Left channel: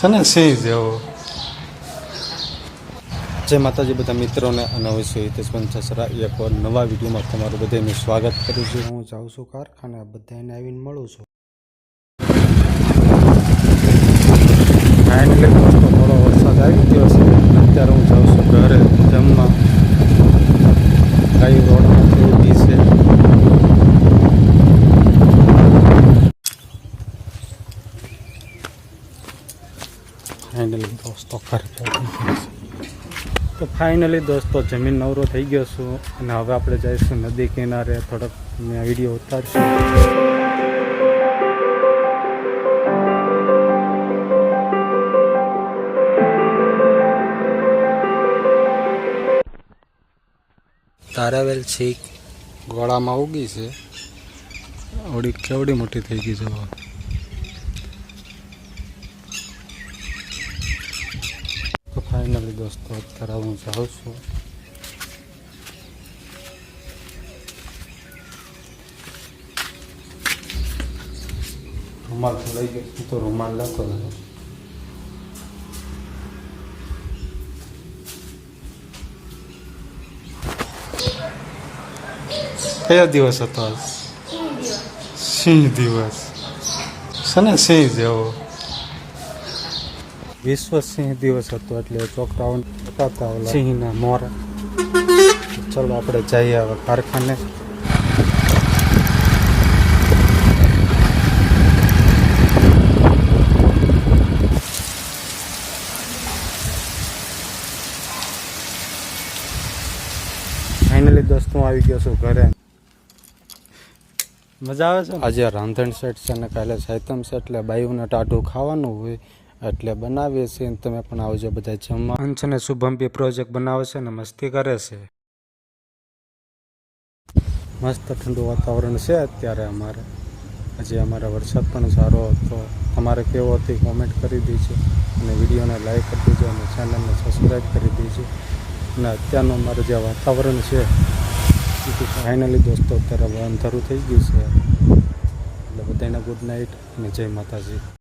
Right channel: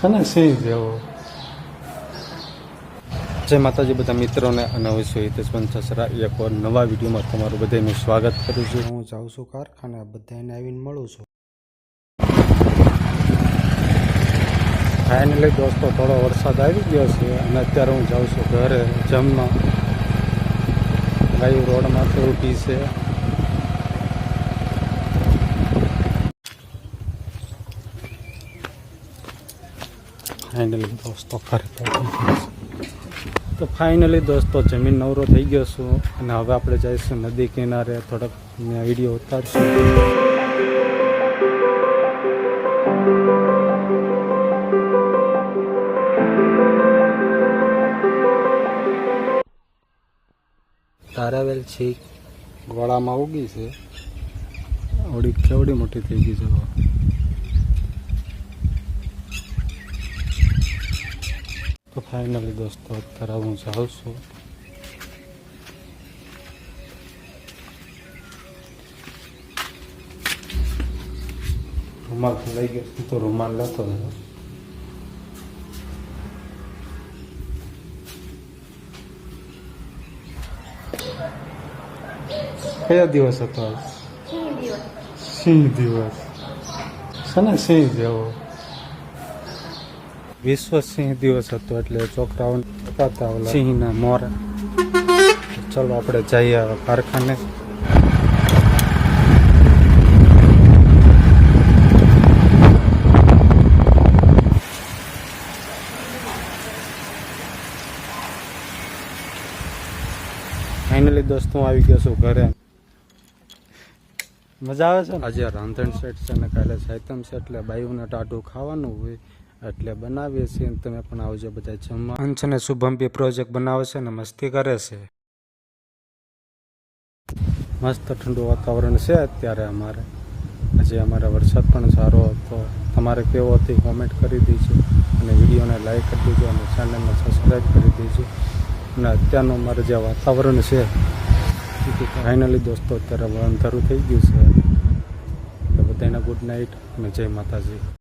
છે ને સિંહ જેવો જય માતાજી, બધા મિત્રોને અને હું છું હિતેશ પંચાસરા એક વાર નવા વિડીયોમાં તમારું બધાનું સ્વાગત કરું છું. હું જાઉં છું કારખાને, બધાને આવીને મળું છું. ફાઇનલી દોસ્તો, થોડો વરસાદ આવી ગયો છે અને અત્યારે હું જાઉં છું ઘરે, જમવા. ગાયું રોડમાં તો ઊભી છે. ફાઇનલી દોસ્તો, ઘરે તો ફાઇનલી દોસ્તો, જમીન નવરો થઈ ગયો છું અને હવે આપણે જઈશું નદી કિનારે. થોડોક વીડિયો ઉતારશું. તારાવેલ છીક ગોળામાં ઉગી છે. ઓડી કેવડી મોટી થઈ ગઈ છે હવે. તો ફાઇનલી દોસ્તો, અત્યારે હું જાઉં છું. રૂમાલ લઈ ગયો તો રૂમાલ હતો કયો દિવસ હતો સિંહ દિવસ. છે ને સિંહ જેવો. વિશ્વ સિંહ દિવસ હતો એટલે છોકરાઓ બતાવતા સિંહના મોરા. ચલો આપણે જઈએ હવે કારખાને. ફાઇનલી દોસ્તો, હું આવી ગયો છું ઘરે. મજા આવે છે આજે રાંધણ સેટ છે ને કાલે સાયતમ છે એટલે બાયુને ટાઢું ખાવાનું હોય. એટલે બનાવીએ છીએ અને તમે પણ આવજો બધા જમવા અંશ અને શુભમ બી પ્રોજેક્ટ બનાવે છે ને મસ્તી કરે છે. મસ્ત ઠંડુ વાતાવરણ છે અત્યારે અમારે. હજી અમારે વરસાદ પણ સારો હતો. તમારે કેવો હતી કોમેન્ટ કરી દેજો. અને વિડીયોને લાઈક કરી દેજો અને ચેનલને સબસ્ક્રાઈબ કરી દેજો. અને અત્યારનું અમારે જે વાતાવરણ છે ફાઇનલી દોસ્તો અત્યારે અંધારું થઈ ગયું છે. એટલે બધાને ગુડ નાઇટ અને જય માતાજી.